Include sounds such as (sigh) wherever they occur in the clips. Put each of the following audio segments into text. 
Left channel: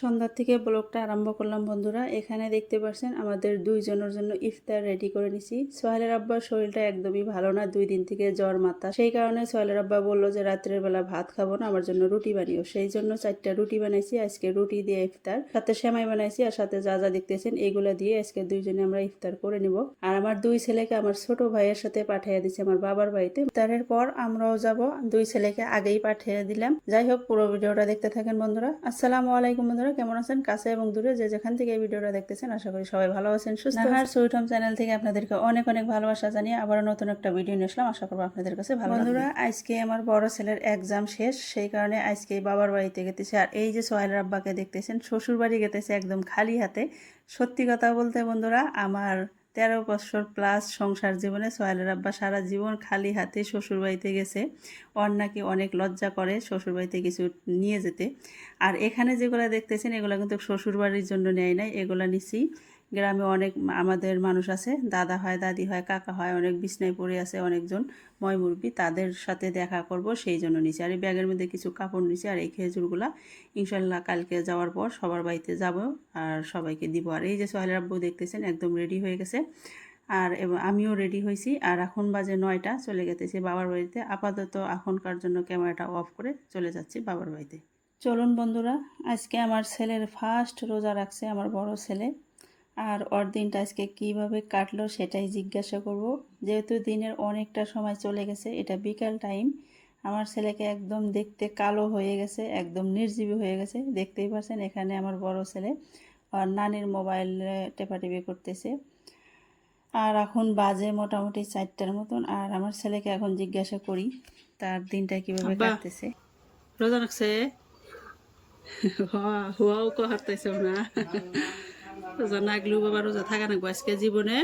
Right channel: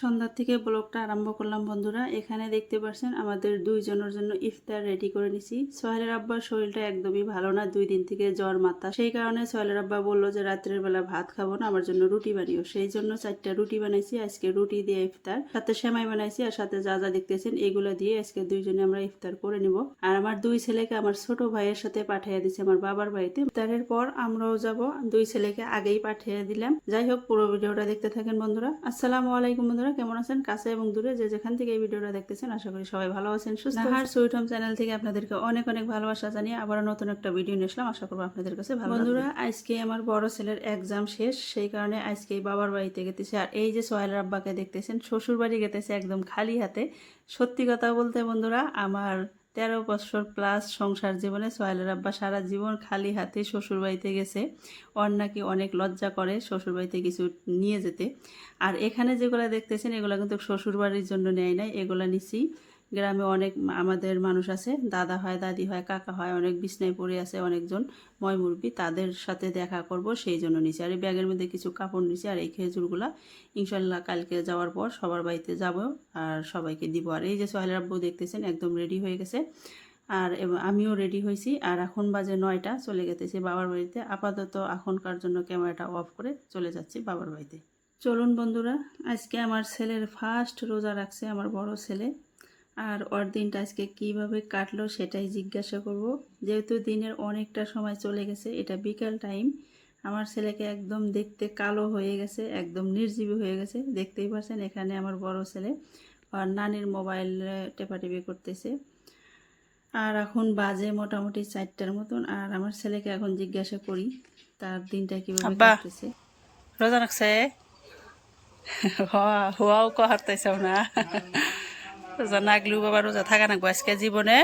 সন্ধ্যার থেকে ব্লগটা আরম্ভ করলাম বন্ধুরা। এখানে দেখতে পাচ্ছেন আমাদের দুইজনের জন্য ইফতার রেডি করে নিছি। সোহেলের আব্বার শরীরটা একদমই ভালো না, দুই দিন থেকে জ্বর মাথা। সেই কারণে সোহেলের আব্বা বলল যে, রাত্রের বেলা ভাত খাব না, আমার জন্য রুটি বানিও। সেই জন্য চারটা রুটি বানাইছি, আজকে রুটি দিয়ে ইফতার, সাথে সেমাই বানাইছি আর সাথে যা যা দেখতেছেন এগুলা দিয়ে আজকে দুইজনে আমরা ইফতার করে নিব। আর আমার দুই ছেলেকে আমার ছোট ভাইয়ের সাথে পাঠিয়ে দিচ্ছে আমার বাবার বাড়িতে। ইফতারের পর আমরাও যাব, দুই ছেলেকে আগেই পাঠিয়ে দিলাম। যাই হোক, পুরো ভিডিওটা দেখতে থাকেন বন্ধুরা। আসসালামু আলাইকুম বন্ধুরা। কেমন আছেন? কাছে এবং দূরে যে যেখান থেকে এই ভিডিওটা দেখতেছেন আশা করি সবাই ভালো আছেন সুস্থ আর সুইট হোম চ্যানেল থেকে আপনাদেরকে অনেক অনেক ভালোবাসা জানিয়ে আবার নতুন একটা ভিডিও নিয়ে আসলাম। আশা করব আপনাদের কাছে ভালো বন্ধুরা আজকে আমার বড় ছেলের এক্সাম শেষ সেই কারণে আজকে বাবার বাড়িতে গেতেছে। আর এই যে সোহেল আব্বাকে দেখতেছেন শ্বশুর বাড়ি গেতেছে একদম খালি হাতে। সত্যি কথা বলতে বন্ধুরা আমার তেরো বছর প্লাস সংসার জীবনে সোহেলের আব্বা সারা জীবন খালি হাতে শ্বশুরবাড়িতে গেছে। ওর নাকি অনেক লজ্জা করে শ্বশুরবাড়িতে কিছু নিয়ে যেতে। আর এখানে যেগুলো দেখতেছেন, এগুলো কিন্তু শ্বশুরবাড়ির জন্য নেয় নাই, এগুলো নিছি। গ্রামে অনেক আমাদের মানুষ আছে, দাদা হয়, দাদি হয়, কাকা হয়, অনেক বিছনায় পড়ে আছে, অনেকজন। ময়মুরবি তাদের সাথে দেখা করব, সেই জন্য নিচে আর এই ব্যাগের মধ্যে কিছু কাপড় নিছি, আর এই খেজুরগুলা ইনশাল্লাহ কালকে যাওয়ার পর সবার বাড়িতে যাব, আর সবাইকে দিব। আর এই যে সোহেলের আব্বু দেখতেছেন, একদম রেডি হয়ে গেছে। আর আমিও রেডি হয়েছি। আর এখন বাজে নয়টা, চলে গেতেছি বাবার বাড়িতে। আপাতত এখনকার জন্য ক্যামেরাটা অফ করে চলে যাচ্ছি বাবার বাড়িতে। চলুন বন্ধুরা, আজকে আমার ছেলের ফার্স্ট রোজা রাখছে আমার বড় ছেলে। আর ওর দিনটা আজকে কীভাবে কাটলো সেটাই জিজ্ঞাসা করব। যেহেতু দিনের অনেকটা সময় চলে গেছে এটা বিকাল টাইম। আমার ছেলেকে একদম দেখতে কালো হয়ে গেছে একদম নির্জীবী হয়ে গেছে। দেখতেই পাচ্ছেন এখানে আমার বড় ছেলে আর নানির মোবাইলে টেপাটেপি করতেছে। আর এখন বাজে মোটামুটি চারটার মতন আর আমার ছেলেকে এখন জিজ্ঞাসা করি তার দিনটা কীভাবে। কাটতেছে। রোজা রাখছে? (laughs) হওয়া হওয়াও কহারতেছেও না। (laughs) রোজা নাগলেও বাবা রোজা থাকা নাকবো। আজকে জীবনে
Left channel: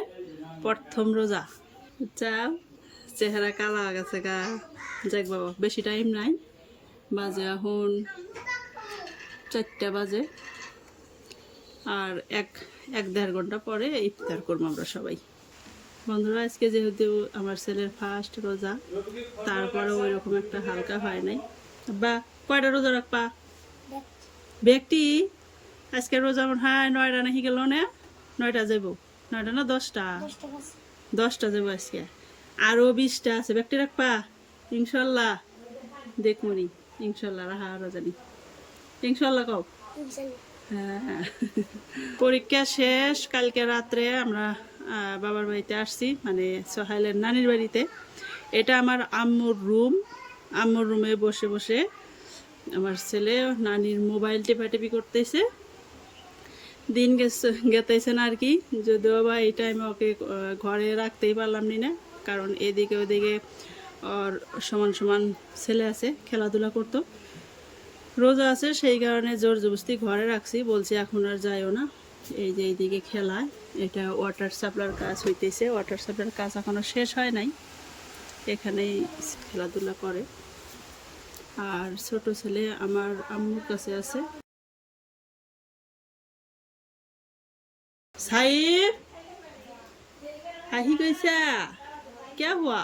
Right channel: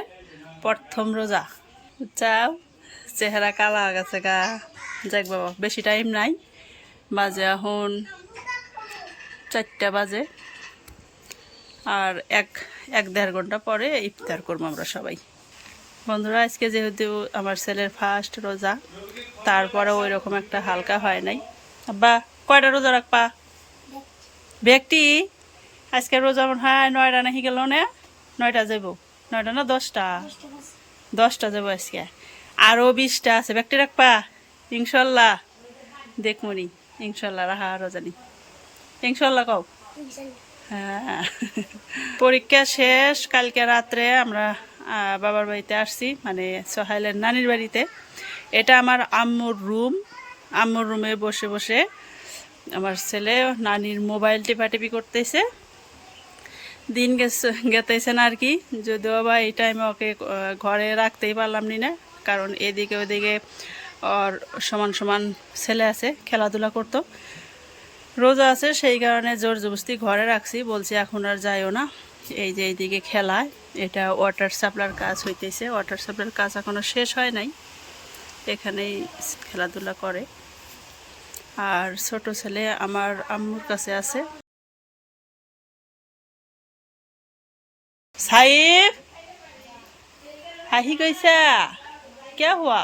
প্রথম রোজা। চাও চেহারা কালা গেছে গা। যাক বাবা, বেশি টাইম নাই। বাজে এখন চারটা বাজে। আর এক এক দেড় ঘণ্টা পরে ইফতার করব আমরা সবাই। বন্ধুরা, আজকে যেহেতু আমার ছেলের ফার্স্ট রোজা, তারপরে ওই রকম একটা হালকা হয় নাই। বা কয়টা রোজা রাখবা? ব্যক্তি। আজকে রোজা মনে হয় নয়টা নাকি গেল না? নয়টা যাব নয়টা না দশটা? দশটা যাব আজকে। আরও বিশটা আছে। ব্যক্তি রাখবা? ইনশাল্লাহ। দেখমনি। ইনশাল্লাহ রাহা রোজানি ইনশাল্লাহ কও। হ্যাঁ। পরীক্ষা শেষ। কালকে রাত্রে আমরা বাবার বাড়িতে আসছি মানে সোহাইলের নানির বাড়িতে। এটা আমার আম্মুর রুম। আম্মুর রুমে বসে বসে আমার ছেলে নানির মোবাইল টেপাটেপি করতেছে। দিন গেতেছে না আর কি। যদিও বা এই টাইমে ওকে ঘরে রাখতেই পারলাম না কারণ এদিকে ওদিকে ওর সমান সমান ছেলে আছে, খেলাধুলা করতো। রোজা আছে, সেই কারণে জোর জবস্তি ঘরে রাখছি, বলছি এখন আর যাইও না। এই যে এইদিকে খেলায় এটা ওয়াটার সাপ্লার কাজ হইতেছে ওয়াটার সাপ্লার কাজ এখনও শেষ হয় নাই। এখানেই খেলাধুলা করে। আর ছোট ছেলে আমার আম্মুর কাছে আছে। সাহেব আহি গৈছা? কিয় হোৱা?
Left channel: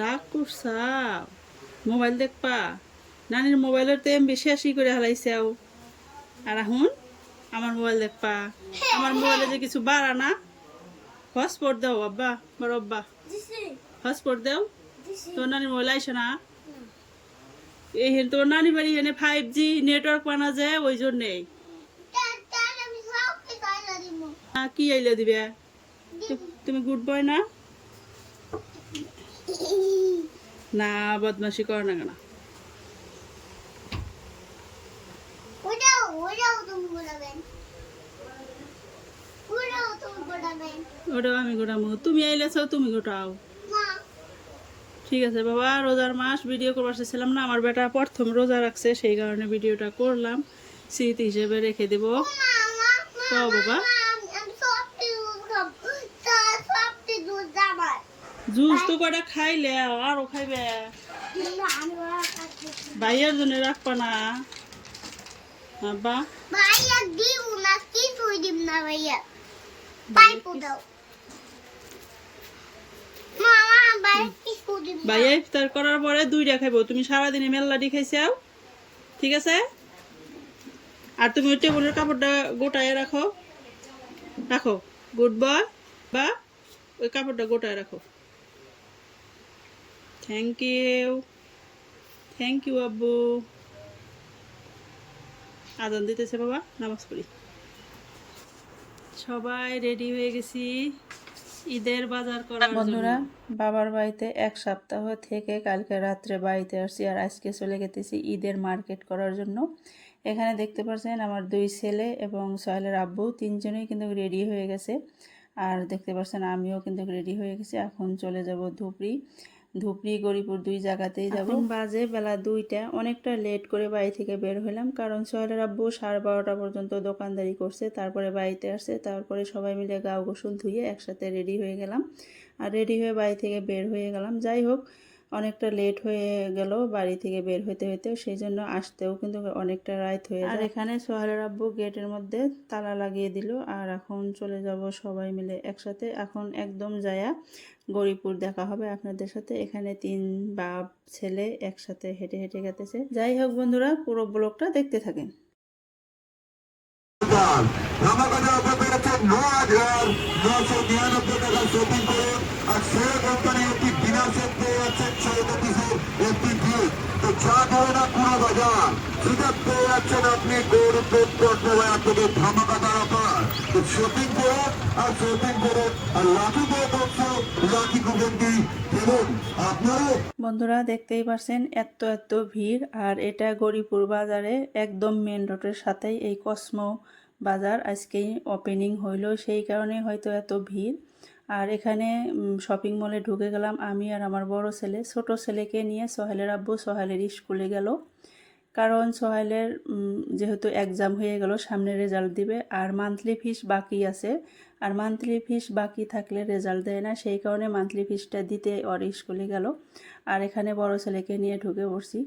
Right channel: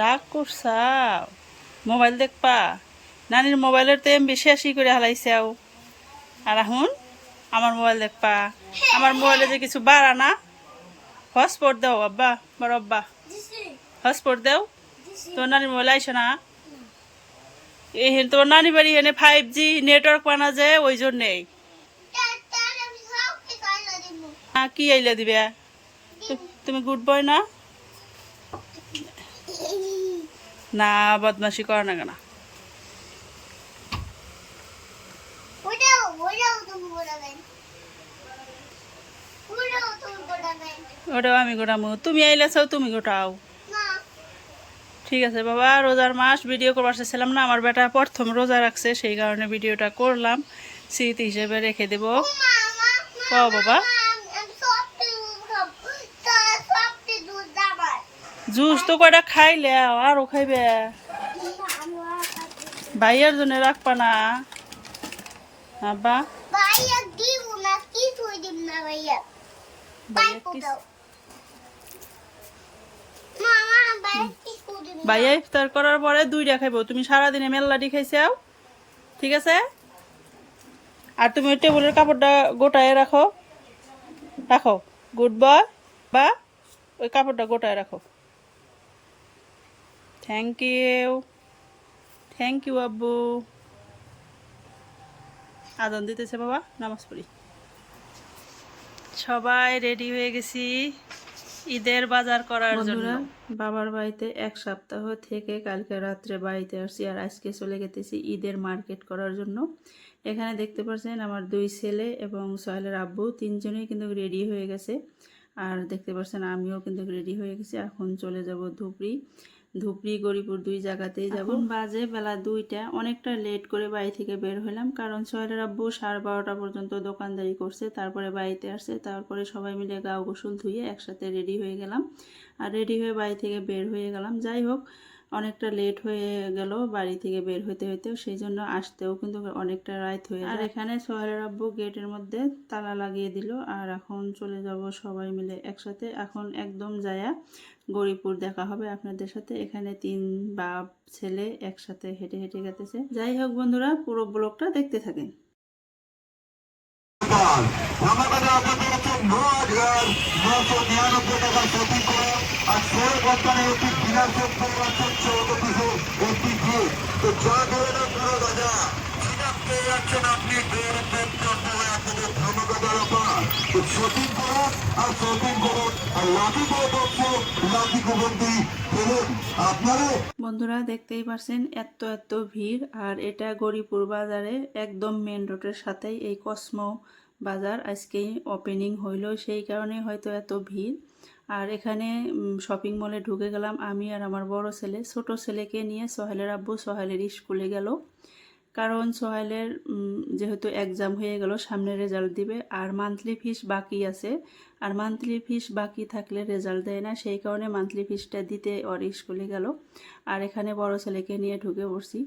রাগ করছাও মোবাইল দেখবা? নানির মোবাইলের তো এম বেশি আসি করে হালাইছাও আর এখন আমার মোবাইল দেখবা। আমার মোবাইলে যে কিছু বাড়া না হসপোর্ট দাও আব্বা বড় আব্বা। হসপোর্ট দাও তো নানির মোবাইল আইসো না? এখানে তোমার নানি বাড়ি এখানে ফাইভ জি নেটওয়ার্ক পানা যায়, ওই জন্যেই কি আইলে দিবে? তুমি গুড বয় না? না বদমাসি কর না কেন? ওটাও আমি গোটামো তুমি আইলেছ তুমি গোটাও। ঠিক আছে বাবা রোজার মাস ভিডিও করবার চাইছিলাম না আমার বেটা প্রথম রোজা রাখছে সেই কারণে ভিডিওটা করলাম স্মৃতি হিসেবে রেখে দেব। মামা বাবা। জুস তো কয়টা খাইলে আরও খাইবে। ভাইয়ের জন্য রাখবা না। আব্বা। ভাইয়া দিব না কিছুই দিব না ভাইয়া। পাইপো দাও। ভাইয়া ইফতার করার পরে দুইটা খাইবো। তুমি সারাদিনে মেল্লাটি খাইছাও ঠিক আছে? আর তুমি ওই টেবিলের কাপড়টা গোটায় রাখো। রাখো। Good boy. বা ওই কাপড়টা গোটায় রাখো। থ্যাংক ইউ থ্যাংক ইউ আব্বু। আদন দিতেছে বাবা, নামাজ সবাই রেডি হয়ে গেছি। ঈদের বাজার করার জন্য। বন্ধুরা, বাবার বাড়িতে এক সপ্তাহ থেকে কালকে রাত্রে বাড়িতে আসছি আর আজকে চলে গেতেছি ঈদের মার্কেট করার জন্য। এখানে দেখতে পাচ্ছেন আমার দুই ছেলে এবং সোহেলের আব্বু, তিনজনেই কিন্তু রেডি হয়ে গেছে। আর দেখতে পাচ্ছেন আমিও কিন্তু রেডি হয়ে গেছি। এখন চলে যাব ধুপড়ি। ধুপড়ি গরিপুর দুই জায়গাতেই যাব। বাজে বেলা দুইটা। অনেকটা লেট করে বাড়ি থেকে বের হলাম কারণ সোহেলের আব্বু সাড়ে বারোটা পর্যন্ত দোকানদারি করছে, তারপরে বাড়িতে আসছে, তারপরে সবাই মিলে গাও গোসল ধুয়ে একসাথে রেডি হয়ে গেলাম। আর রেডি হয়ে বাড়ি থেকে বের হয়ে গেলাম। যাই হোক অনেকটা লেট হয়ে গেল বাড়ি থেকে বের হতে হতেও সেই জন্য আসতেও কিন্তু অনেকটা রাত হয়ে আর এখানে সোহেলের আব্বু গেটের মধ্যে তালা লাগিয়ে দিল আর এখন চলে যাব সবাই মিলে একসাথে। এখন একদম যায়া গরিপুর দেখা হবে আপনাদের সাথে। এখানে তিন বাপ ছেলে একসাথে হেঁটে হেঁটে গেতেছে। যাই হোক বন্ধুরা পুরো ব্লগটা দেখতে থাকেন। আমাদের আপনাদের হচ্ছে ন হাজার নশো নিরানব্বই টাকার শপিং করে আর একটি যাচ্ছেন চৌদ্দ একটি গিফট তো যা দিয়ে না আপনি বন্ধুরা, দেখতেই পারছেন এত এত ভিড়। আর এটা গরিপুর বাজারে, একদম মেন রোডের সাথেই এই কসমো বাজার আজকেই ওপেনিং হইল। সেই কারণে হয়তো এত ভিড়। আর এখানে শপিং মলে ঢুকে গেলাম। আমি আর আমার বড় ছেলে, ছোট ছেলেকে নিয়ে সোহেলের আব্বু সোহেলের স্কুলে গেল। কারণ সোহেলের যেহেতু এক্সাম হয়ে গেল, সামনে রেজাল্ট দিবে, আর মান্থলি ফিস বাকি আছে। আর মান্থলি ফিস বাকি থাকলে রেজাল্ট দেয় না, সেই কারণে মান্থলি ফিসটা দিতে ওর স্কুলে গেল। আর এখানে বড় ছেলেকে নিয়ে ঢুকে পড়ছি।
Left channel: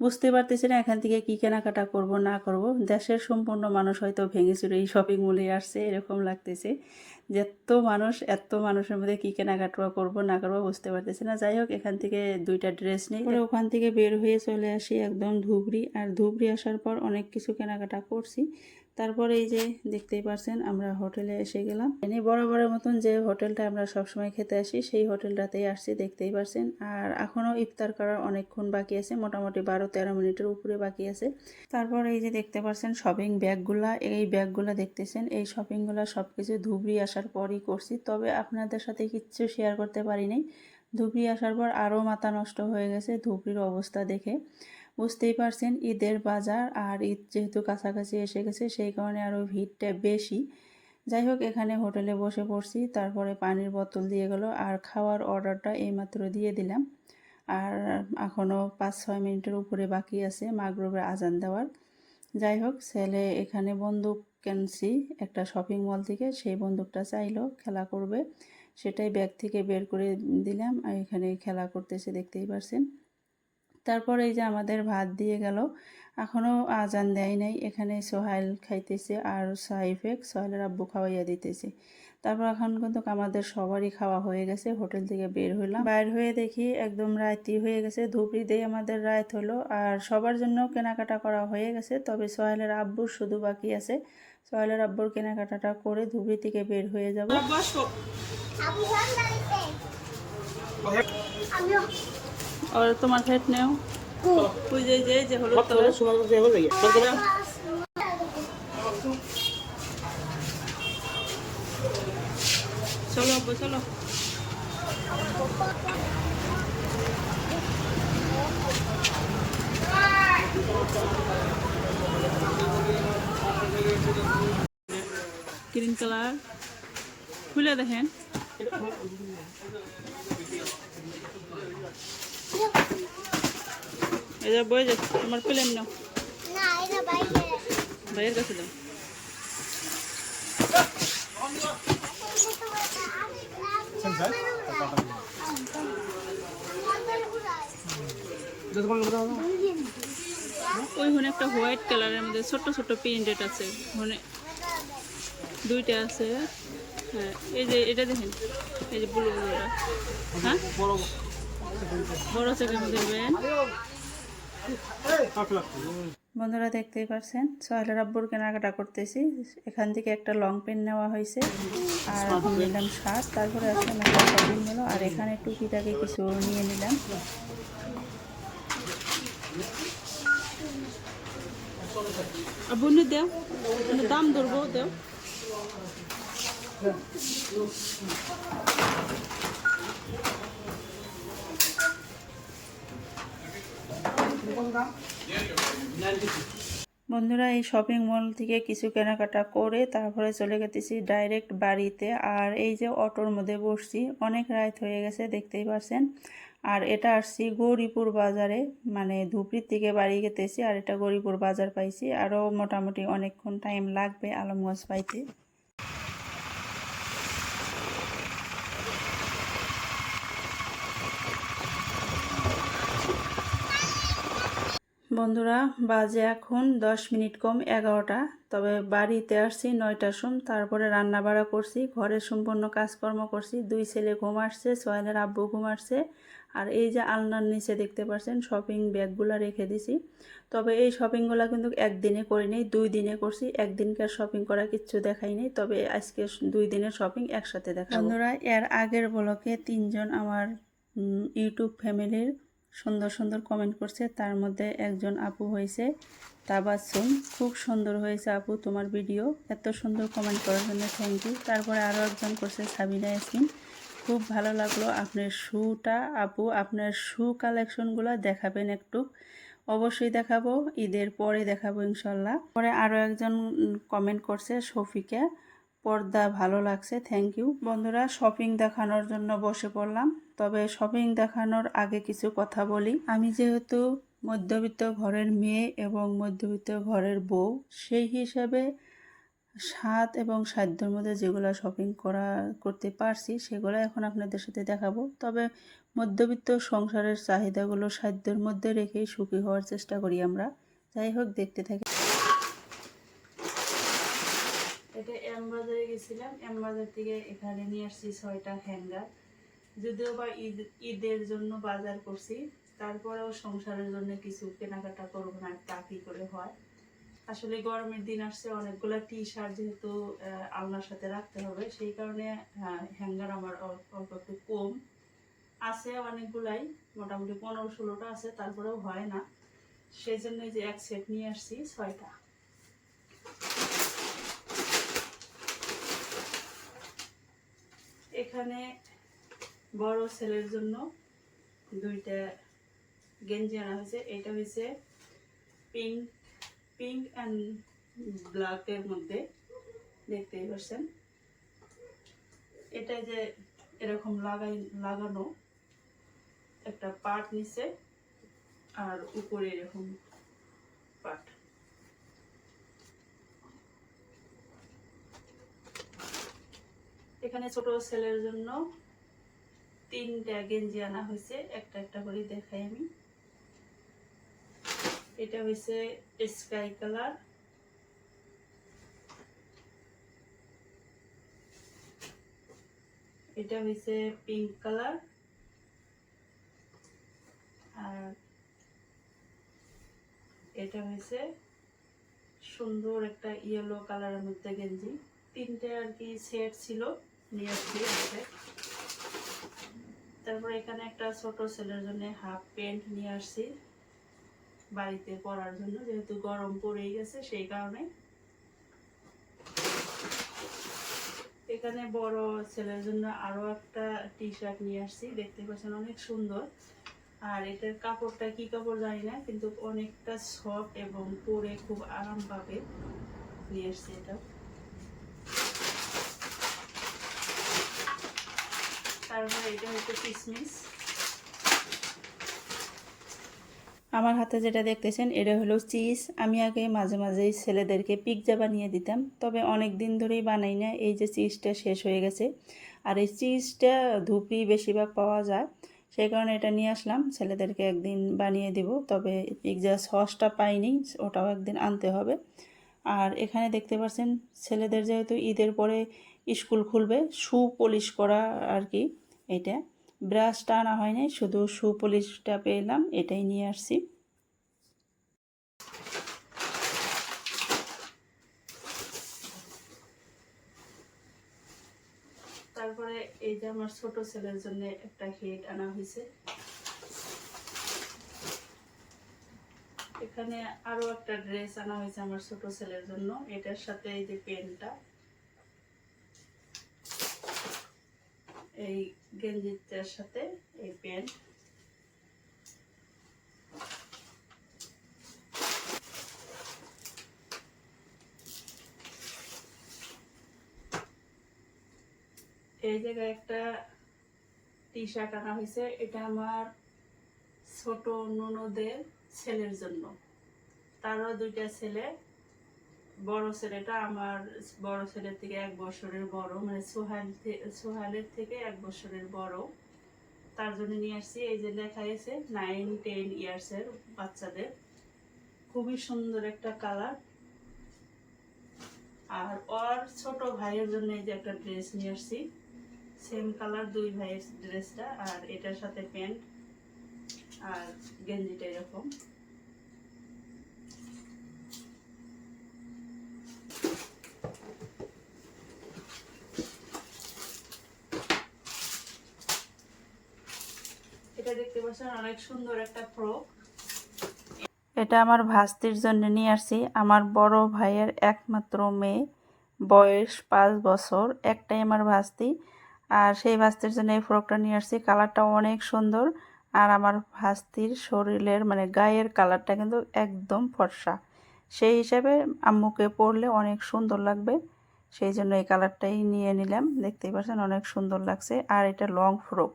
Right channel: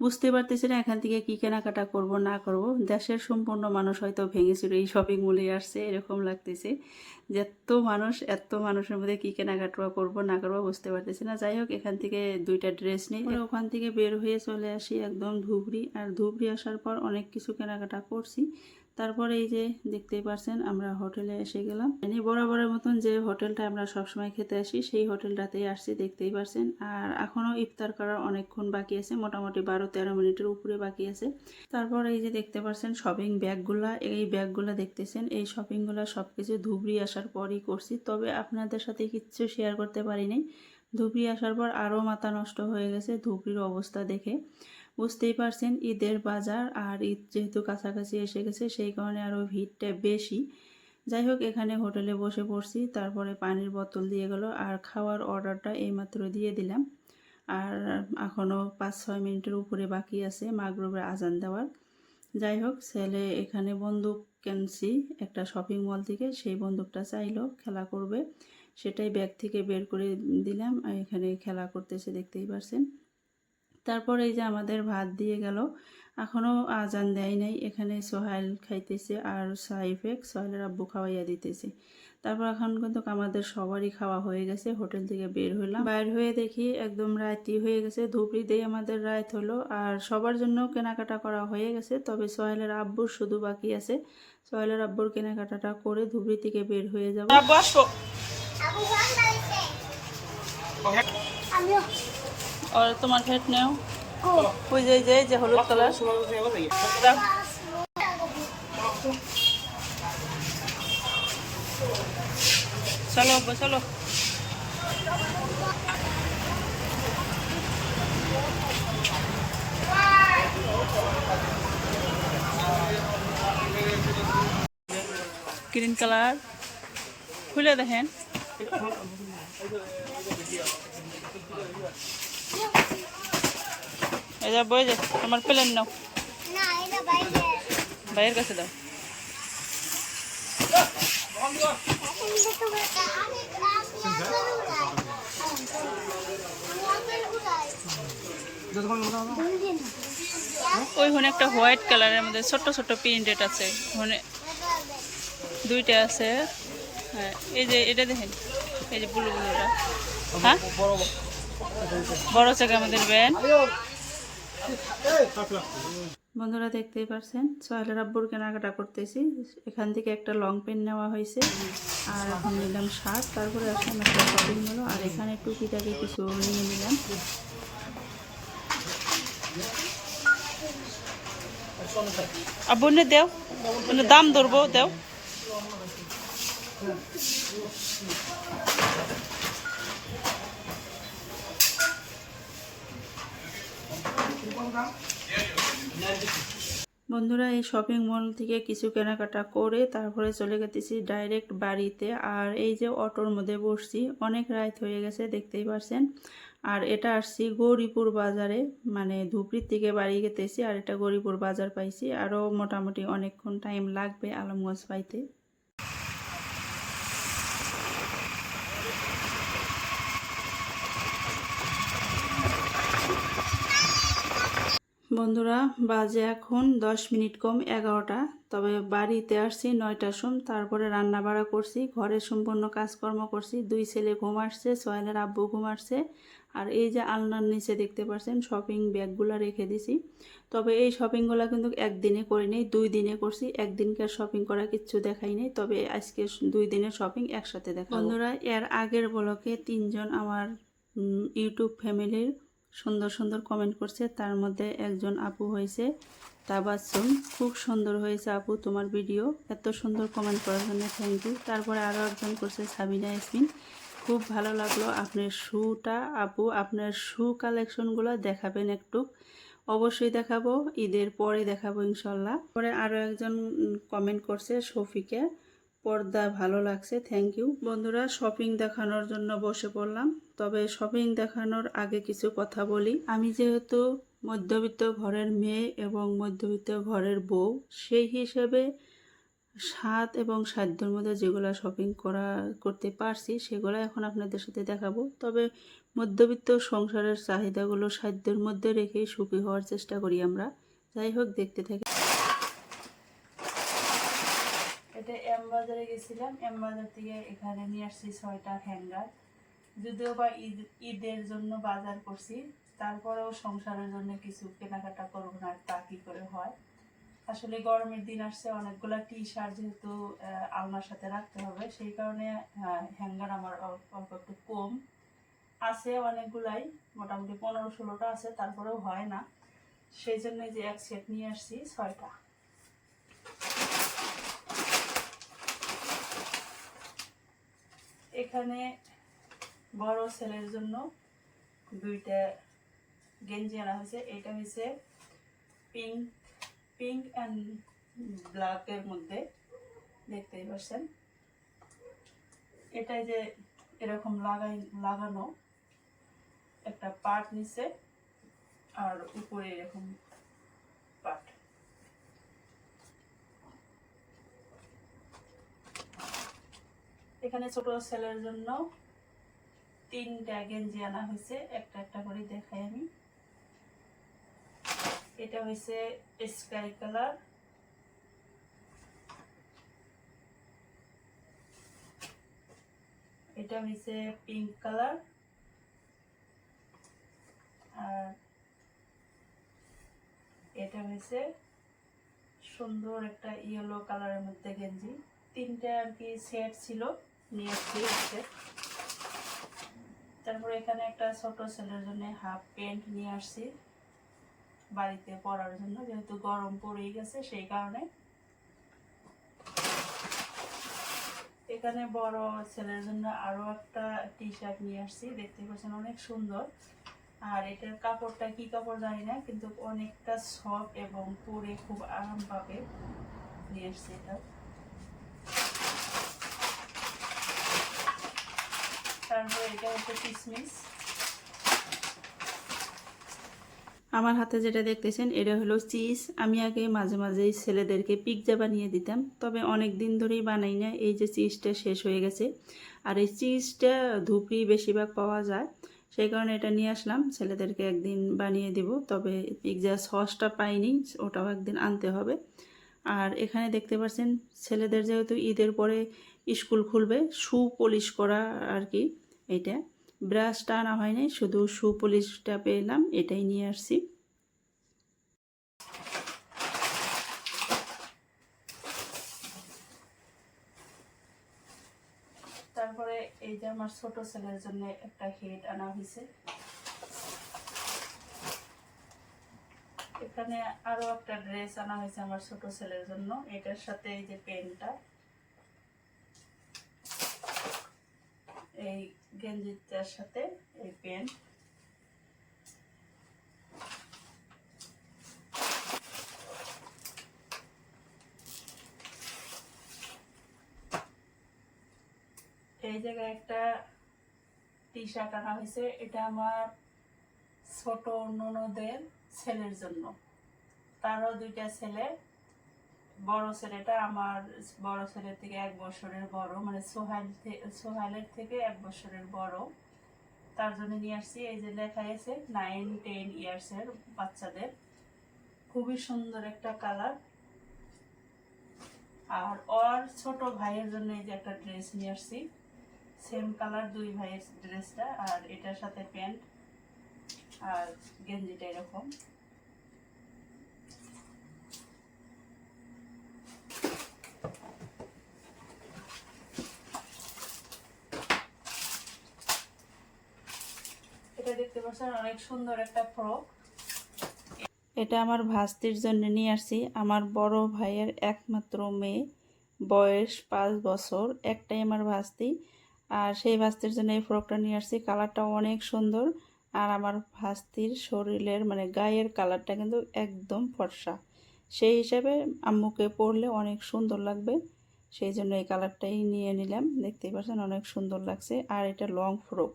বুঝতে পারতেছি না এখান থেকে কী কেনাকাটা করব, না করব। দেশের সম্পূর্ণ মানুষ হয়তো ভেঙেছিল এই শপিং মলে আসছে, এরকম লাগতেছে। এত মানুষ, এত মানুষের মধ্যে কি কেনাকাটা করব না করব বুঝতে পারতেছি না। যাই হোক, এখান থেকে দুইটা ড্রেস নিই পরে ওখান থেকে বের হয়ে চলে আসি একদম ধুবড়ি। আর ধুবড়ি আসার পর অনেক কিছু কেনাকাটা করছি। তারপরে এই যে দেখতেই পারছেন, আমরা হোটেলে এসে গেলাম। এনে বরাবরের মতন যে হোটেলটা আমরা সবসময় খেতে আসি, সেই হোটেলটাতেই আসছি, দেখতেই পারছেন। আর এখনও ইফতার করার অনেকক্ষণ বাকি আছে, মোটামুটি বারো তেরো মিনিটের উপরে বাকি আছে। তারপর এই যে দেখতে পারছেন শপিং ব্যাগগুলা, এই ব্যাগগুলা দেখতেছেন, এই শপিংগুলা সব কিছু ধুবড়ি আসার পরই করছি। তবে আপনাদের সাথে কিচ্ছু শেয়ার করতে পারি নাই ধুবড়ি আসার পর আরও মাথা নষ্ট হয়ে গেছে ধুবড়ির অবস্থা দেখে। বুঝতেই পারছেন, ঈদের বাজার আর ঈদ যেহেতু কাছাকাছি এসে গেছে, সেই কারণে আরও ভিড়টা বেশি। যাই হোক, এখানে হোটেলে বসে পড়ছি, তারপরে পানির বোতল দিয়ে গেল আর খাওয়ার অর্ডারটা এইমাত্র দিয়ে দিলাম। আর এখনও পাঁচ ছয় মিনিটের উপরে বাকি আছে মাগরবের আজান দেওয়ার। যাই হোক, ছেলে এখানে বন্দুক কিনছি একটা শপিং মল থেকে, সেই বন্দুকটা চাইলো, খেলা করবে। সেটাই ব্যাগ থেকে বের করে দিলাম আর এখানে খেলা করতেছে, দেখতেই পাচ্ছেন তারপর এই যে আমাদের ভাত দিয়ে গেল। এখনও আজান দেয় নাই। এখানে সোহাইল খাইতেছে আর সাইফেক সোহাইলের আব্বু খাওয়াইয়া দিতেছে। তারপর এখন কিন্তু আমাদের সবারই খাওয়া হয়ে গেছে। হোটেল থেকে বের হইলাম। বাইর হয়ে দেখি একদম রাতি হয়ে গেছে। ধুপড়ি দিয়ে আমাদের রাত হলো আর সবার জন্য কেনাকাটা করা হয়ে গেছে। তবে সোহেলের আব্বুর শুধু বাকি আছে। সোহেলের আব্বুর কেনাকাটাটা করে ধুবড়ি থেকে বের হয়ে যাব। আর তোমার হেড নেও ওই যে যে যে হলুদ কালার চলো আব্বু চলো গ্রিন কালার খুলে দেখেন এই যে বই যে তোমার প্লেন নাও। না এটা বাইরে। ভাইয়ের কাছে দাও। ওই হনে একটা হোয়াইট কালারের মধ্যে ছোট ছোট প্রিন্টেড আছে। হনে দুইটা আছে। হ্যাঁ এই যে এটা দেখেন এই যে ব্লু ব্লুটা হ্যাঁ? বড় চেকের মধ্যে নেবেন। বন্ধুরা দেখতেই পারছেন? সোহেলের আব্বুর কেনাকাটা করতেছি। এখান থেকে একটা লং পেন নেওয়া হয়েছে। আর এখন নিলাম শার্ট, তারপরে আসলাম একটা শপিং হলো আর এখানে টুকিটাকে কিছু নিয়ে নিলাম। আব্বু দেও। দাম ধরবো, দেও। বন্ধুরা, এই শপিং মল থেকে কিছু কেনাকাটা করে তারপরে চলে গেতেছি ডাইরেক্ট বাড়িতে। আর এই যে অটোর মধ্যে বসছি, অনেক রাত হয়ে গেছে, দেখতেই পারছেন। আর এটা আসছি গৌরীপুর বাজারে মানে ধুপড়ির থেকে বাড়ি গেতেছি, আর এটা গৌরীপুর বাজার পাইছি। আরও মোটামুটি অনেকক্ষণ টাইম লাগবে আলমগঞ্জ পাইতে। বন্ধুরা, বাজে এখন দশ মিনিট কম এগারোটা। তবে বাড়িতে আসছি, নয়টার সম তারপরে রান্না বাড়া করছি ঘরের সম্পূর্ণ কাজকর্ম করছি। দুই ছেলে ঘুম আসছে, সোহেলের আব্বু ঘুম আসছে। আর এই যে আলনার নিচে দেখতে পাচ্ছেন শপিং ব্যাগগুলো রেখে দিছি। তবে এই শপিংগুলো কিন্তু একদিনে করিনি, দুই দিনে করছি। একদিনকার শপিং করা কিচ্ছু দেখাই নেই। তবে আজকে দুই দিনের শপিং একসাথে দেখা বন্ধুরা, এর আগের ব্লকে তিনজন আমার ইউটিউব ফ্যামিলির সুন্দর সুন্দর কমেন্ট করছে। তার মধ্যে একজন আপু হয়েছে তাবাসুম খুব সুন্দর হয়েছে আপু তোমার ভিডিও এত সুন্দর কমেন্ট করার জন্য থ্যাংক ইউ তারপরে আরও একজন করছে, সাবিনা ইয়াসমিন। খুব ভালো লাগল আপনার শুটা আপু। আপনার শ্যু কালেকশনগুলো দেখাবেন একটু। অবশ্যই দেখাবো। ঈদের পরে দেখাবো ইনশাল্লাহ। পরে আরও একজন কমেন্ট করছে, শফিকা। পর্দা ভালো লাগছে থ্যাংক ইউ বন্ধুরা শপিং দেখানোর জন্য বসে পড়লাম, তবে শপিং দেখানোর আগে কিছু কথা বলি। আমি যেহেতু মধ্যবিত্ত ঘরের মেয়ে এবং মধ্যবিত্ত ঘরের বউ, সেই হিসাবে স্বাদ এবং সাধ্যর মধ্যে যেগুলো শপিং করা, করতে পারছি, সেগুলো এখন আপনাদের সাথে দেখাবো। তবে মধ্যবিত্ত সংসারের চাহিদাগুলো সাধ্যের মধ্যে রেখেই সুখী হওয়ার চেষ্টা করি আমরা। যাই হোক, দেখতে থাকি। এটা এম বাজারে গেছিলাম। এম বাজার থেকে এখানে নিয়ে আসছি ছয়টা হ্যাঙ্গার। যদিও বা ঈদ, ঈদের জন্য বাজার করছি, তারপরেও সংসারের জন্য কিছু কেনাকাটা করব না তা কি করে হয়? আসলে গরমের দিন আসছে, অনেকগুলো টি শার্ট যেহেতু আলনার সাথে রাখতে হবে, সেই কারণে হ্যাঙ্গার আমার অল- অল্প একটু কম। আছে অনেকগুলাই, মোটামুটি পনেরো ষোলোটা আছে, তারপরেও হয় না। সেই জন্যই যে এক সেট নিয়ে আসছি, ছয়টা। এখানে বড় ছেলের জন্য দুইটা গেঞ্জি আনা হয়েছে। এটা হয়েছে পিঙ্ক পিঙ্ক অ্যান্ড ব্ল্যাকের মধ্যে। দেখতেই পাচ্ছেন। এটা যে এরকম লাগাই, লাগানো একটা পার্ট নিচে আর উপরে এরকম পার্ট। এখানে ছোট ছেলের জন্য তিনটা গেঞ্জি আনা হয়েছে, একটা একটা করে দেখাই আমি। এটা হয়েছে স্কাই কালার। এটা হয়েছে পিঙ্ক কালার। আর এটা হয়েছে সুন্দর একটা ইয়েলো কালারের মধ্যে গেঞ্জি। তিনটে আর কি সেট ছিল। নিয়ে আছে তারপরে এখানে একটা ছোট ছেলের জন্য হাফ প্যান্ট নিয়ে আসছি বাড়িতে পরার জন্য, যেহেতু গরম পড়েই গেছে সেই কারণে। এখানে বড় ছেলের জন্য আরও একটা টি শার্ট নিয়ে আসছি, দেখতে পাচ্ছেন অনেক সুন্দর। আর এটার কাপড়টা কি কাপড় জানি না, কিন্তু অনেকটা সফট এবং পরে খুব আরাম পাবে নিয়ে আসছি এটা। এটা আমার হাতে যেটা দেখতেছেন, এটা হলো চিজ। আমি আগে মাঝে মাঝেই ছেলেদেরকে পিৎজা বানিয়ে দিতাম, তবে অনেক দিন ধরেই বানাই না। এই যে চিজটা শেষ হয়ে গেছে। আর এই চিজটা ধুপড়ি বেশিরভাগ পাওয়া যায়, সেই কারণে এটা নিয়ে আসলাম। ছেলেদেরকে একদিন বানিয়ে দিব, তবে পিৎজা সসটা পাইনি, ওটাও একদিন আনতে হবে। আর এখানে দেখতে পাচ্ছেন ছেলেদের যেহেতু ঈদের পরে স্কুল খুলবে, শু পলিশ করা আর কি। এটা। ব্রাশটা আনা হয়নি শুধু শু পলিশটা পেলাম, এটাই নিয়ে আসছি। তারপরে এই যে আমার ছোট ছেলের জন্য একটা হেড আনা হয়েছে। এখানে আরও একটা ড্রেস আনা হয়েছে আমার ছোট ছেলের জন্য, এটার সাথে এই যে পেনটা। এই গেঞ্জিটার সাথে এই প্যান্ট। এই জায়গায় একটা টি শার্ট আনা হয়েছে। এটা আমার ছোট ননদের ছেলের জন্য। তারও দুইটা ছেলে। বড় ছেলেটা আমার বড় ছেলের থেকে এক বছরের বড় মানে সোহাইল সোহালের থেকে এক বছরের বড়। তার জন্য নিয়ে আসছি, এই যে লেখা আছে নাইন টেন ইয়ার্সের বাচ্চাদের। খুবই সুন্দর একটা কালার আর ওর ছোট ভাইয়ের জন্য এই যে একটা ড্রেস নিয়ে আসছি। সেম কালার দুই ভাইয়ের ড্রেসটা আর এটার সাথে প্যান্ট আর গেঞ্জিটা এরকম। এটা আমার ভাস্তির জন্য নিয়ে আসছি। আমার বড় ভাইয়ের একমাত্র মেয়ে, বয়স পাঁচ বছর, একটাই আমার ভাস্তি। আর সেই ভাস্তির জন্য এই ফ্রকটা নিয়ে আসছি। কালারটা অনেক সুন্দর। আর আমার ভাস্তির শরীরের মানে গায়ের কালারটা কিন্তু একদম ফর্সা। সেই হিসাবে আম্মুকে পরলে অনেক সুন্দর লাগবে। সেই জন্য এই কালারটাই নিয়ে নিলাম। দেখতেই পাচ্ছেন অনেক সুন্দর লাগছে। আর এটা লং ফ্রক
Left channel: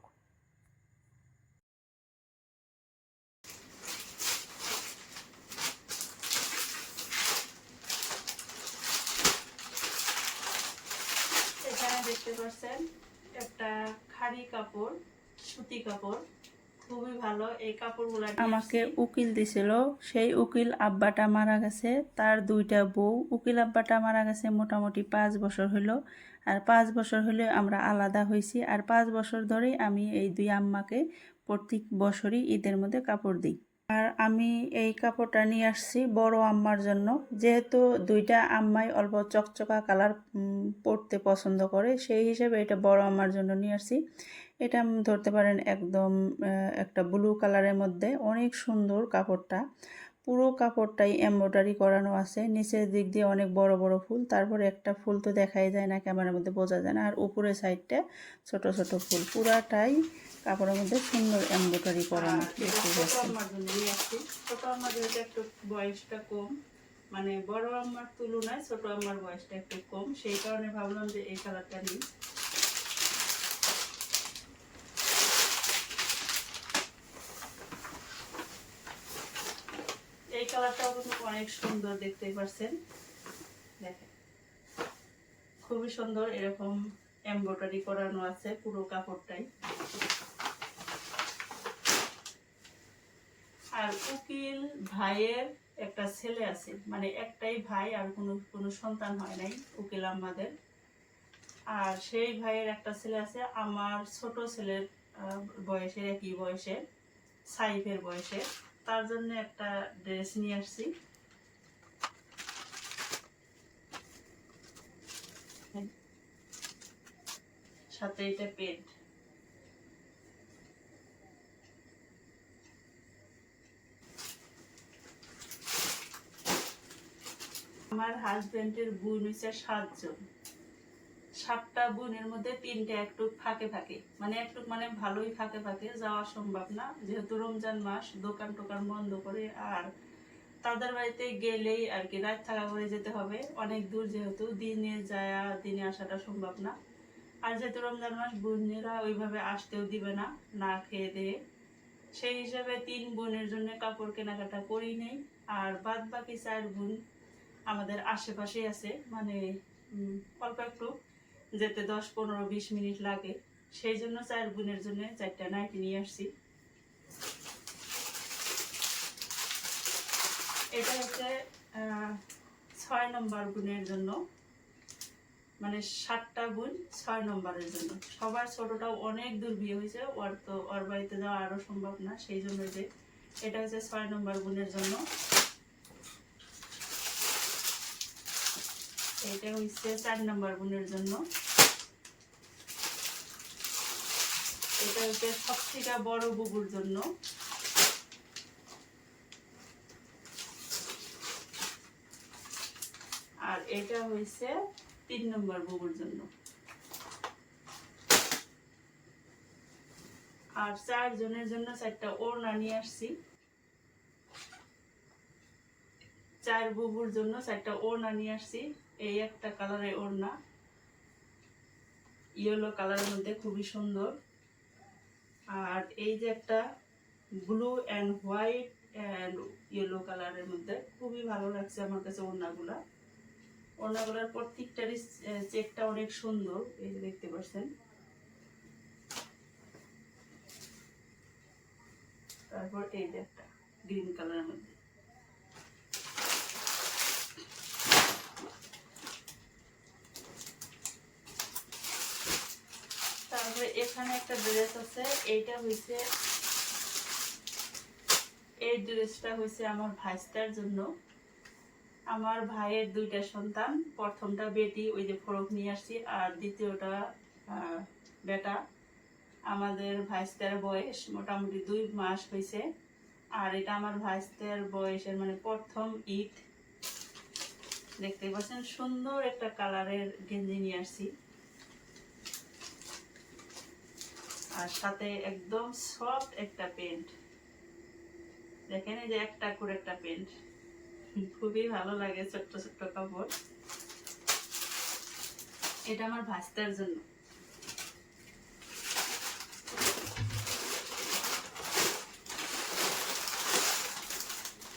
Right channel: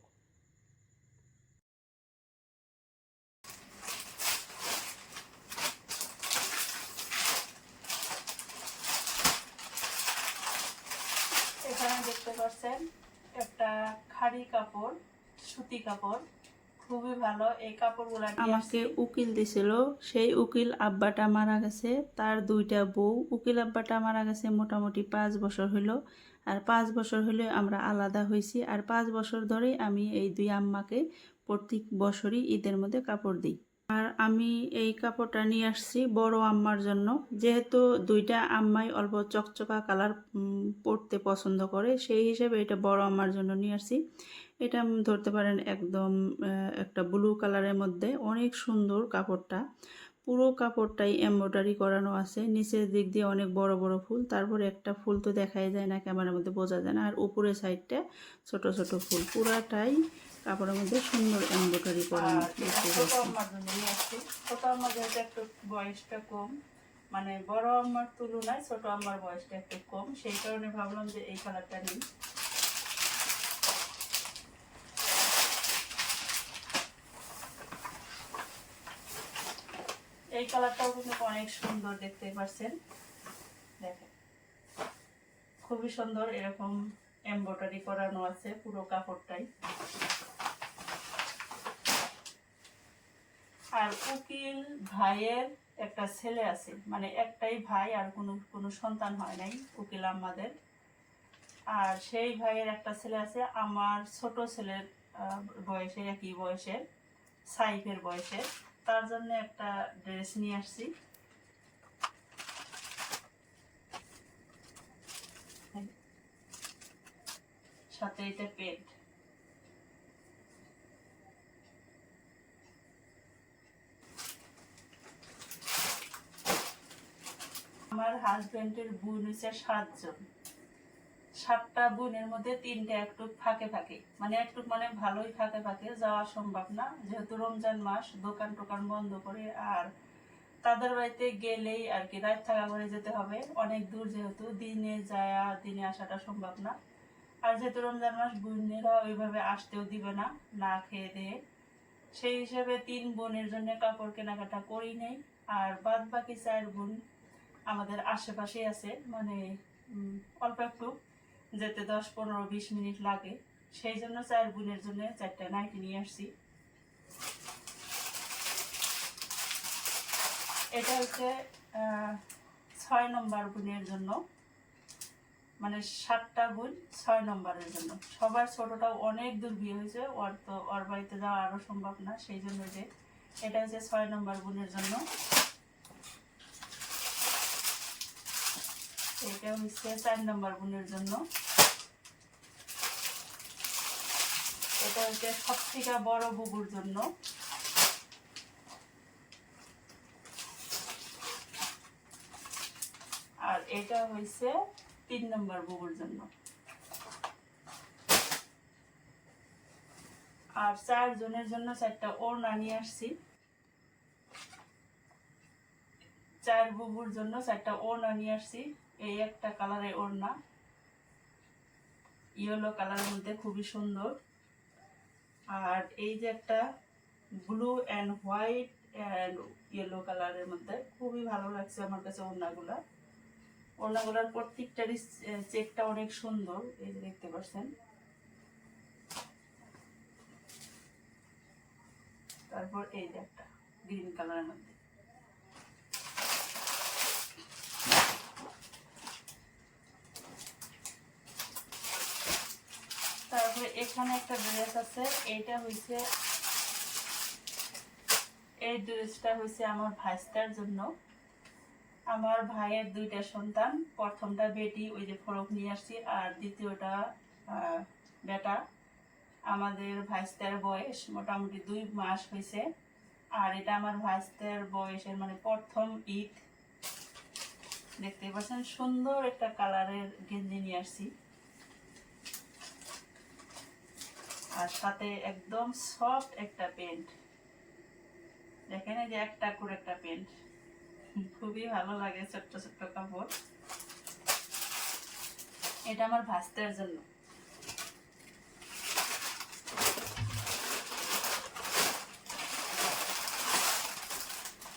এখানে একটা খাড়ি কাপড় সুতি কাপড়। খুবই ভালো এই কাপড়গুলো আমাকে উকিল দিছিল সেই উকিল আব্বাটা মারা গেছে তার দুইটা বউ। উকিল আব্বাটা মারা গেছে মোটামুটি পাঁচ বছর হলো আর পাঁচ বছর হলে আমরা আলাদা হয়েছি আর পাঁচ বছর ধরেই আমি এই দুই আম্মাকে প্রত্যেক বছরই ঈদের মধ্যে কাপড় দিই। আমি এই কাপড়টা নিয়ে আসছি বড় আম্মার জন্য। যেহেতু দুইটা আম্মাই অল্প চকচকা কালার পরতে পছন্দ করে, সেই হিসেবে এটা বড় আম্মার জন্য নিয়ে আসছি। এটা ধরতে পারেন একদম একটা ব্লু কালারের মধ্যে। অনেক সুন্দর কাপড়টা। পুরো কাপড়টাই এমব্রয়ডারি করানো আছে। নিচের দিক দিয়ে অনেক বড় বড় ফুল। তারপরে একটা ফুল তো দেখাই যায় না, ক্যামেরার মধ্যে বোঝা যায় না। আর উপরের সাইডটা ছোট ছোট ফুল। পুরাটাই কাপড়ের মধ্যে সুন্দর এমব্রয়ডারি করানো দেখতে আমার আসছি। ছোট যেহেতু একটু বয়সটা কম মানে বড় আম্মার তুলনায় ছোট আম্মার বয়সটা একটু কম সেই কারণে ভাবলাম যে এই কালারটা নিই। এই কালারটাও কিন্তু অনেক সুন্দর দেখতে পাচ্ছেন দেখেন খুবই সুন্দর এরকম এমব্রয়ডারি করানো আছে পুরো কাপড়টাই। আর উকিল ভাইয়ের একটা ছেলে আছে। মানে একটাই ভাই আর কোনো কোনো সন্তান হয় নাই উকিল আমাদের আর সেই ভাইয়ের একটা ছেলে আছে, আমার ছোট ছেলের বয়সের একই বয়সের, সাইফের বয়সের। তার জন্য একটা ড্রেস নিয়ে আসছি। সাথে এটা পেন্ট। আমার হাজবেন্ডের বোন হচ্ছে সাতজন। সাতটা বোনের মধ্যে তিনটা একটু ফাঁকে ফাঁকে। মানে একটু মানে ভালোই ফাঁকে ফাঁকে যাওয়া সম্ভব না। যেহেতু রমজান মাস, দোকান টোকান বন্ধ করে আর তাদের বাড়িতে গেলেই আর কি রাত থাকা করে যেতে হবে। অনেক দূর যেহেতু, দিনে যায়, দিনে আসাটা সম্ভব না। আর যেহেতু রমজান মাস, বোনেরা ওইভাবে আসতেও দিবে না না খেয়ে দিয়ে। সেই হিসাবে তিন বোনের জন্য কাপড় কেনাকাটা করি নেই। আর বাদ বাকি চার বোন আমাদের আশেপাশে আছে মানে অল্প একটু, যেতে দশ, পনেরো, বিশ মিনিট লাগে। সেই জন্য চার বোনের জন্য চারটা নাইটি নিয়ে আসছি। এটা হচ্ছে ছয় নম্বর বোনের জন্য। মানে সাতটা বোন ছয় নম্বরের জন্য। সবার ছোটটাও অনেক দূর বিয়ে হয়েছে, ওর তো, ওর বাড়িতে যাওয়া আরও সম্ভব না, সেই জন্য যে, এটা হচ্ছে ছয় নম্বর বোনের জন্য। এটা হচ্ছে চার নম্বর বোনের জন্য। এটা হচ্ছে সব থেকে বড় বুবুর জন্য। আর এটা হয়েছে তিন নম্বর বুবুর জন্য। আর চারজনের জন্য চারটা ওড়না নিয়ে আসছি। চার বুবুর জন্য চারটা ওড়না নিয়ে আসছি। এই একটা কালারের ওড়না। ইয়েলো কালারের মধ্যে খুবই সুন্দর। আর এই যে একটা blue and white and yellow কালারের মধ্যে খুবই ভালো লাগছে আমার কাছে ওড়নাগুলা। ওড়নাগুলার প্রত্যেকটারই চেকটা অনেক সুন্দর, এই যে দেখতে পাচ্ছেন। তারপর এই যে একটা গ্রিন কালারের মধ্যে। তারপরে এখানে একটা ড্রেস আছে, এইটা হইছে, এই ড্রেসটা হইছে আমার ভাইস্তার জন্য। আমার ভাইয়ের দুইটা সন্তান, প্রথমটা বেটি, ওই যে ফরক নিয়ে আসছি, আর দ্বিতীয়টা বেটা। আমাদের ভাইস্তার বয়স মোটামুটি দুই মাস হয়েছে আর এটা আমার ভাইস্তার বয়সের মানে প্রথম ঈদ। দেখতে পাচ্ছেন, সুন্দর একটা কালারের গেঞ্জি নিয়ে আসছি। আর সাথে একদম সফট একটা প্যান্ট দেখেন এই যে একটা করে একটা প্যান্ট খুবই ভালো লাগে ছোট্ট ছোট্ট কাপড়। এটা আমার ভাস্তার জন্য।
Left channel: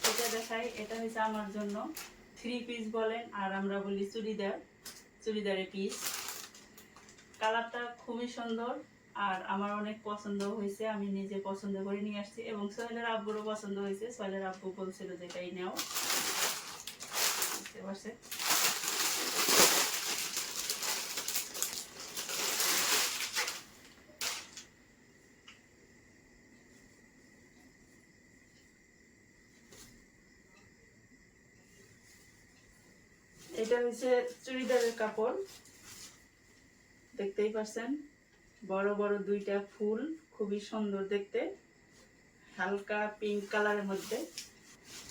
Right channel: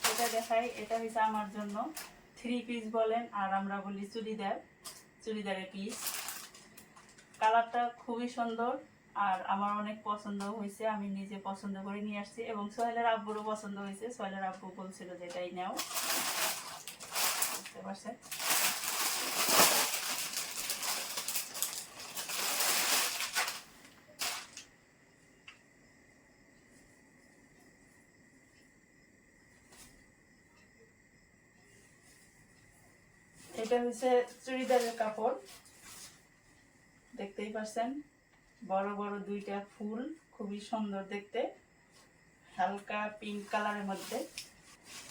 এটা দেখাই, এটা হচ্ছে আমার জন্য। থ্রি পিস বলেন, আর আমরা বলি চুড়িদার, চুড়িদারের পিস কালারটা খুবই সুন্দর। আর আমার অনেক পছন্দ হয়েছে, আমি নিজে পছন্দ করে নিয়ে আসছি এবং সোহেলের আব্বুরও পছন্দ হয়েছে। সোহেলের আব্বু বলছিল যে এটাই নেও। বুঝতে পারছে এটা হচ্ছে চুড়িদারের কাপড়। দেখতেই পাচ্ছেন বড় বড় দুইটা ফুল, খুবই সুন্দর দেখতে। হালকা পিঙ্ক কালারের মধ্যে।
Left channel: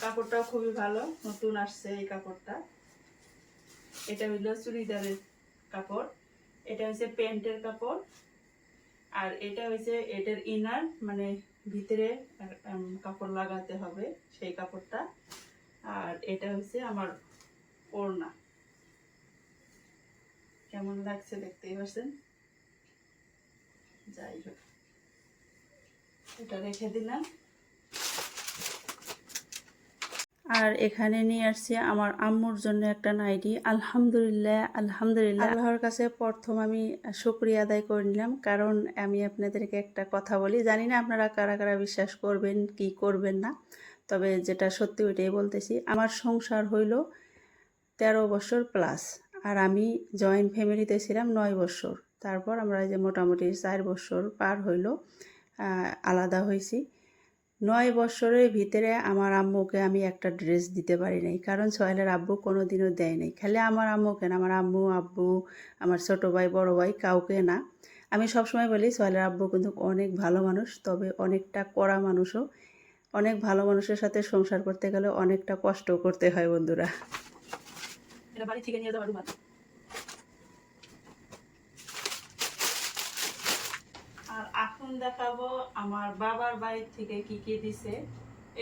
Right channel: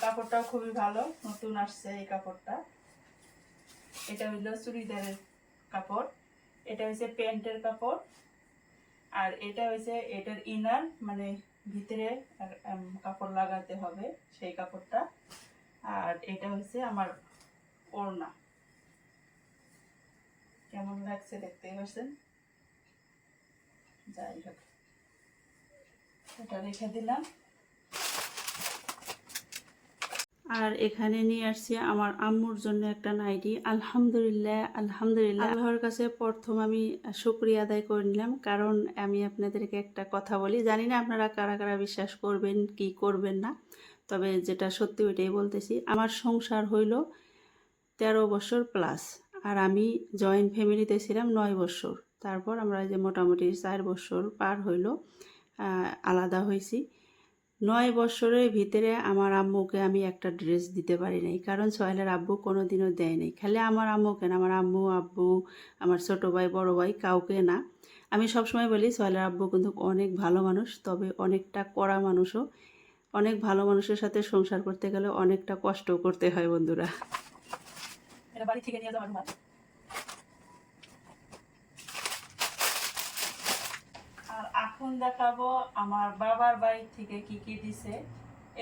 কাপড়টাও খুবই ভালো, নতুন আসছে এই কাপড়টা। এটা হইল চুড়িদারের কাপড়। এটা হচ্ছে প্যান্টের কাপড়। আর এটা হচ্ছে এটার ইনার মানে ভিতরে কাপড় লাগাতে হবে সেই কাপড়টা। আর এটা হচ্ছে আমার ওড়না। কেমন লাগছে দেখতেই পাচ্ছেন যাই হোক। এটা রেখে দিলাম। আর এখানে নিয়ে আসছি আমার আম্মুর জন্য একটা নাইটি। আলহামদুলিল্লাহ আলহামদুলিল্লাহ। আল্লাহর কাছে প্রথম আমি শুক্রিয়া আদায় করে নিলাম কারণ আমি আপনাদেরকে একটা কথা বলি। জানি না আপনারা কারা কারা বিশ্বাস করবেন কি করবেন না তবে যেটা সত্যি ওইটাই বলতেছি। আমার সংসার হইল তেরো বছর প্লাস আর আমি জয়েন্ট ফ্যামিলিতে ছিলাম নয় বছর। তারপর আমরা যে মোটামুটি চার বছর পার হইল আলাদা হয়েছি নয় বছরের ভিতরে আমার আম্মুকে আমি একটা ড্রেস দিতে পারি নাই, কারণ সোহেলের আব্বু কোনো দিনও দেয় নাই। খালি আমার আম্মুকে না আমার আম্মু, আব্বু, আমার ছোটো ভাই, বড় ভাই কাউকে না। আমি সবসময় বলি, সোহেলের আব্বু কিন্তু অনেক ভালো মানুষ, তবে অনেকটা কড়া মানুষও। অনেক ভালো মানুষের সাথে সংসার করতে গেলে অনেকটা কষ্ট করতে হয় বন্ধুরা। বাড়ি থেকে নিয়ে যাওয়ার রুমাল আর এখন দেখাবো আমার বাবার বাড়ি থেকে কি কি দিছে।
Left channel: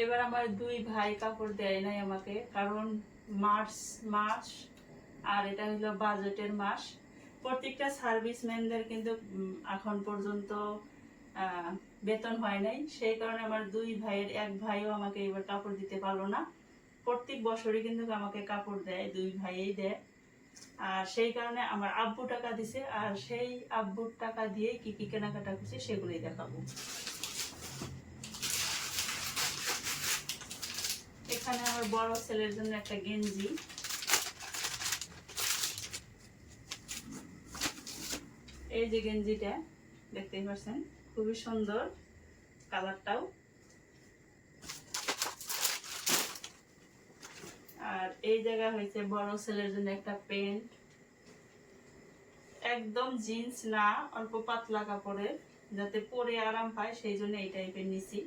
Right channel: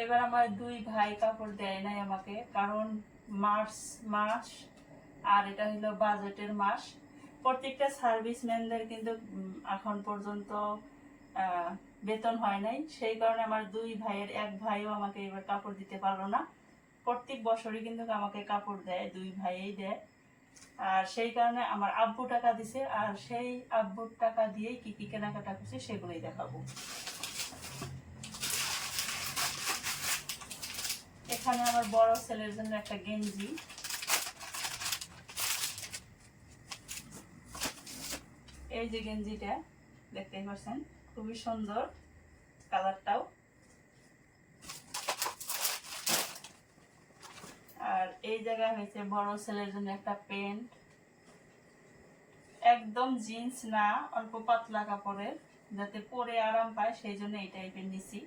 এবার আমার দুই ভাই কাপড় দেয় নাই আমাকে, কারণ মার্চ মাস আর এটা হলো বাজেটের মাস। প্রত্যেকটা সার্ভিসম্যানদের কিন্তু এখন পর্যন্ত বেতন হয় নাই। সেই কারণে আমার দুই ভাইয়ের এক ভাইও আমাকে এবার কাপড় দিতে পারল না। প্রত্যেক বছরই কিন্তু আমাকে কাপড় দেয়, দুই ভাইয়েই দেয়। আর সেই কারণে আমার আব্বু টাকা দিছে, আর সেই আব্বুর টাকা দিয়েই কি কি কেনাকাটা করছি সেগুলোই দেখাবো। এখানে আমার বড় ছেলের জন্য একটা গেঞ্জি। এই যে গেঞ্জিটা, দেখতেই পাচ্ছেন, খুবই সুন্দর কালারটাও। আর এই জায়গা হয়েছে বড় ছেলের জন্য একটা প্যান্ট। একদম জিন্স না, অল্প পাতলা কাপড়ের, যাতে পরে আরাম পায়, সেই জন্য এই টাইপের নিছি।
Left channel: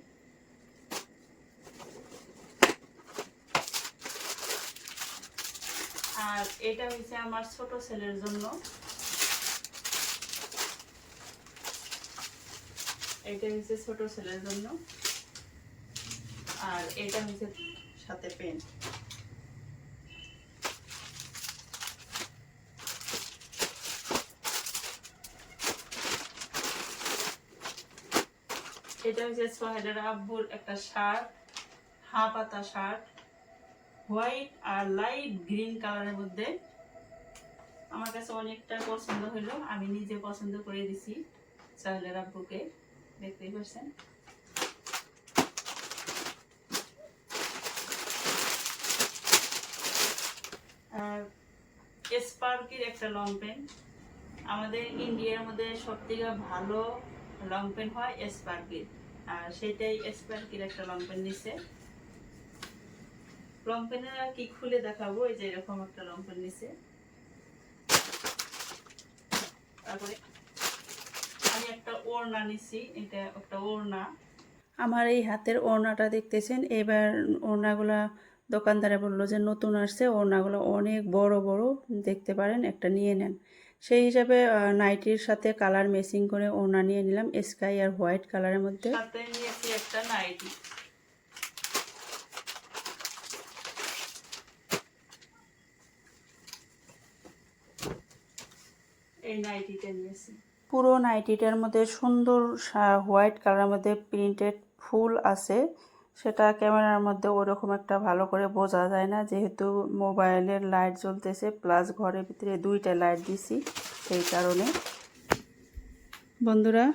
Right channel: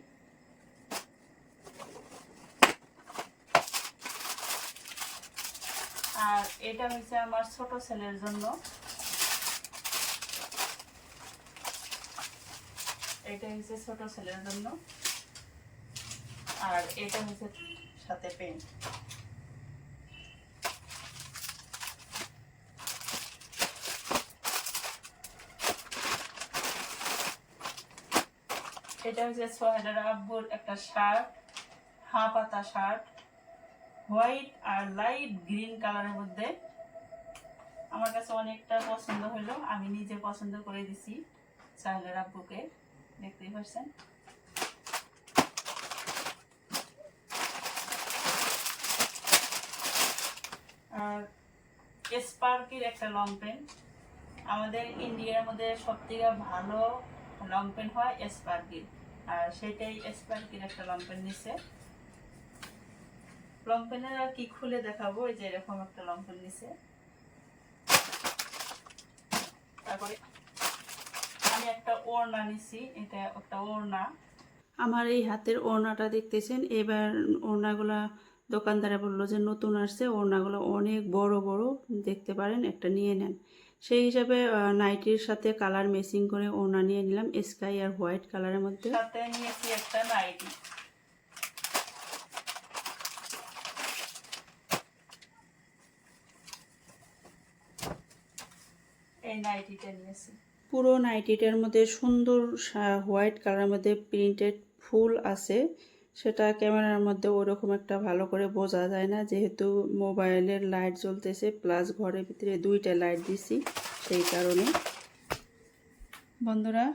আর এটা হচ্ছে আমার ছোট ছেলের জন্য। এটা হচ্ছে ছোট ছেলের জন্য। আর এটা হচ্ছে সাথে প্যান্ট। এটা হচ্ছে সোহেলের আব্বুর একটা শার্ট, হাঁ পাতা শার্ট, হোয়াইট আর লাইট গ্রিন কালারের মধ্যে। আমার কাছে অনেকটা পছন্দ হলো, আমি নিজে পছন্দ করে দিছি সোহেলের আব্বুকে, দেখতেই পাচ্ছেন। আর স্পার্কের একটা লং প্যান্ট। আমাদের ইন্ডিয়ার মধ্যে সব থেকে ভালো লং প্যান্ট হয় স্পার্কের। আর সেটাই স্পার্কের একটা লং প্যান্ট নিছে। লং প্যান্টের কি খুলে দেখাবো? এই যে এরকম একটা লং প্যান্ট নিছে। তারপরে আমি একটা ওড়না নিছি। এটা একটা ওড়না। আমার এই হাতের ওড়নাটা দেখতেছেন? এবার ওড়নাগুলা দোকানদারে বলল যে, নতুন আসছে। ওড়নাগুলো অনেক বড় বড়। দেখতে পারেন, একটা নিয়ে নেন। সেই হিসাবে নাইটির সাথে কালার মেসিং করে ওনা নিয়ে নিলাম স্কাই আর হোয়াইট কালারের মধ্যে। সাথে নিয়েছি একটা নাইটি। এই নাইটিটা নিয়েছি। পুরো নাইটিটার মধ্যে সুন্দর হোয়াইট কালারের মধ্যে প্রিন্টেড ফুল আছে। সেটা ক্যামেরার মধ্যে ওরকম একটা ভালো করে বোঝা যায় না। যেহেতু মোবাইলের লাইট জ্বলতেছে প্লাস ঘরের ভিতরে দুইটা লাইট দিছি সেই কারণে। বন্ধুরা,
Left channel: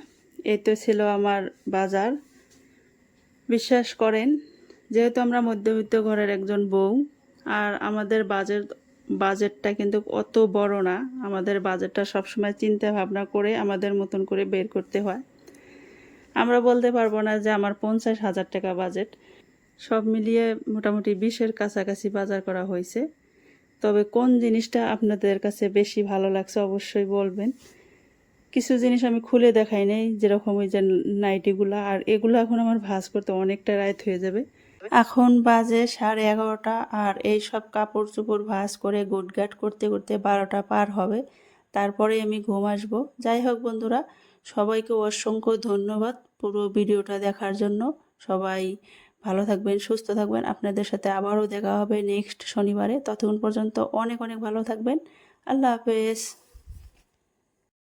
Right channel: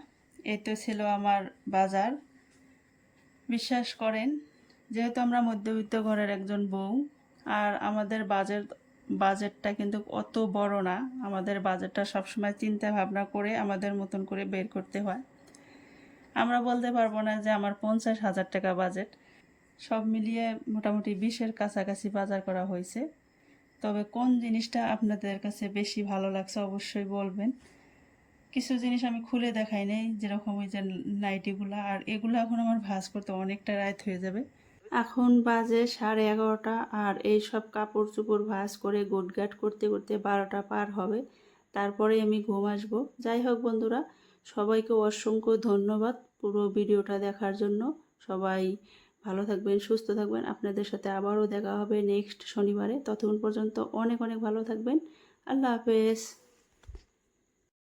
এই তো ছিল আমার বাজার। বিশ্বাস করেন, যেহেতু আমরা মধ্যবিত্ত ঘরের একজন বউ, আর আমাদের বাজেট, বাজেটটা কিন্তু অত বড় না। আমাদের বাজেটটা সবসময় চিন্তা ভাবনা করে আমাদের মতন করে বের করতে হয়। আমরা বলতে পারব না যে আমার পঞ্চাশ হাজার টাকা বাজেট সব মিলিয়ে মোটামুটি বিশের কাছাকাছি বাজার করা হয়েছে। তবে কোন জিনিসটা আপনাদের কাছে বেশি ভালো লাগছে অবশ্যই বলবেন। কিছু জিনিস আমি খুলে দেখাই নাই, যেরকম ওই যে নাইটিগুলা, আর এগুলো এখন আমার ভাঁজ করতে অনেকটা রাত হয়ে যাবে। এখন বাজে সাড়ে এগারোটা, আর এই সব কাপড় চোপড় ভাঁজ করে গুটগাট করতে করতে বারোটা পার হবে। তারপরে আমি ঘুম আসব। যাই হোক বন্ধুরা সবাইকে অসংখ্য ধন্যবাদ পুরো ভিডিওটা দেখার জন্য। সবাই ভালো থাকবেন, সুস্থ থাকবেন। আপনাদের সাথে আবারও দেখা হবে নেক্সট শনিবারে। ততক্ষণ পর্যন্ত অনেক অনেক ভালো থাকবেন। আল্লাহ হাফেজ।